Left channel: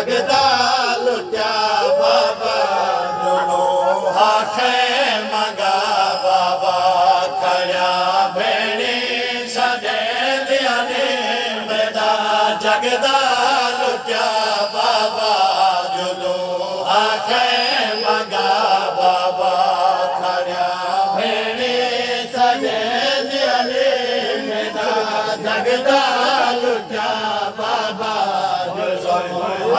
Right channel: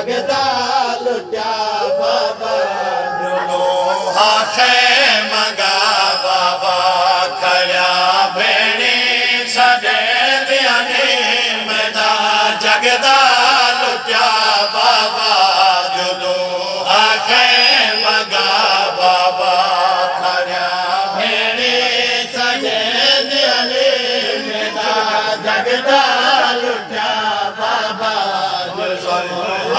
جگدا Lucha بابا جو ها مگا بابا کيا ڀيڻ سڄي ڌياني ۾ جگدا لوچا بابا جو ها مگا بابا ٿايا ڀيڻ سڄي ڏيڻي ۾ جگدا لجا بابا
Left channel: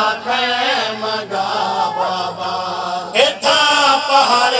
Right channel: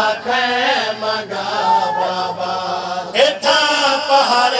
آخ مگا بابا۔ پہاڑ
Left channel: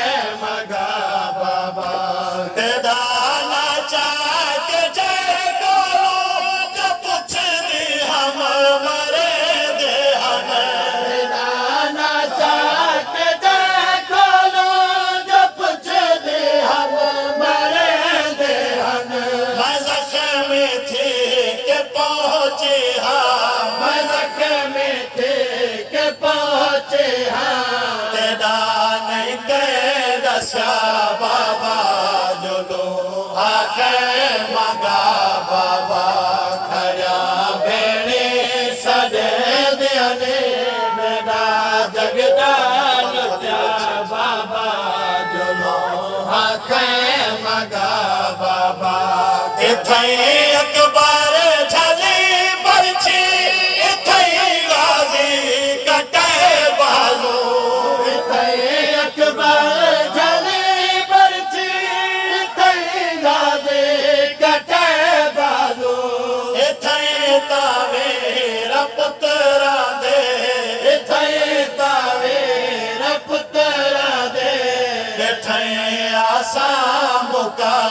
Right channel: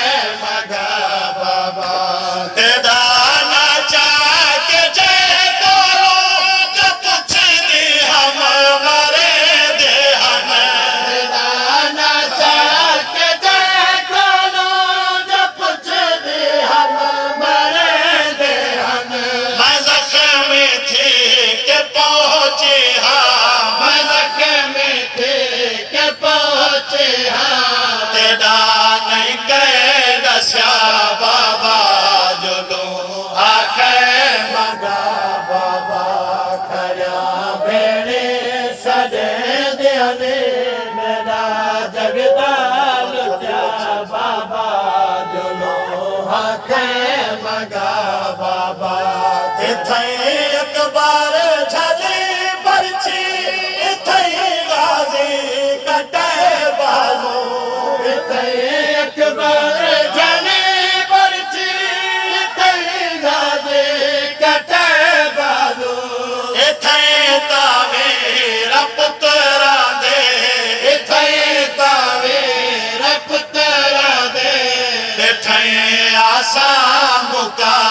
دسا بابا ڀڳا ڀيڻ سج का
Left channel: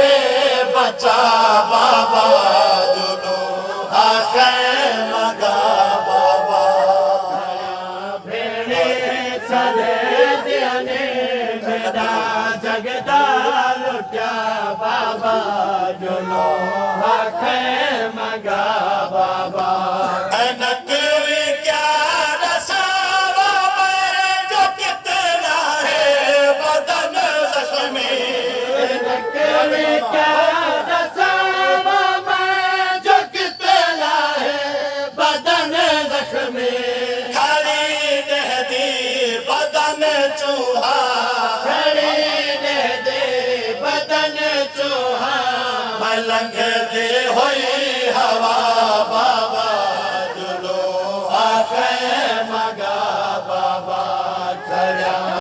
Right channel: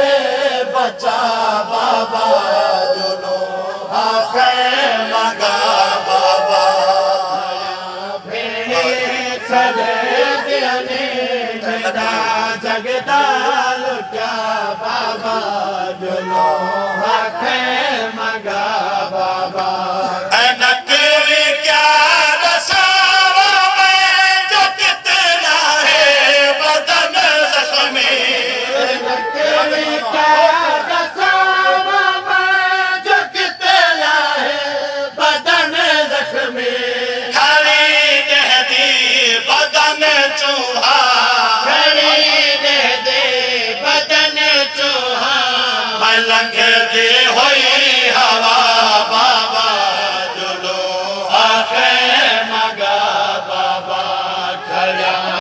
बाबा जुलो बाबा। जगदा बाबा ਲੱਗੇ ਹੋਈ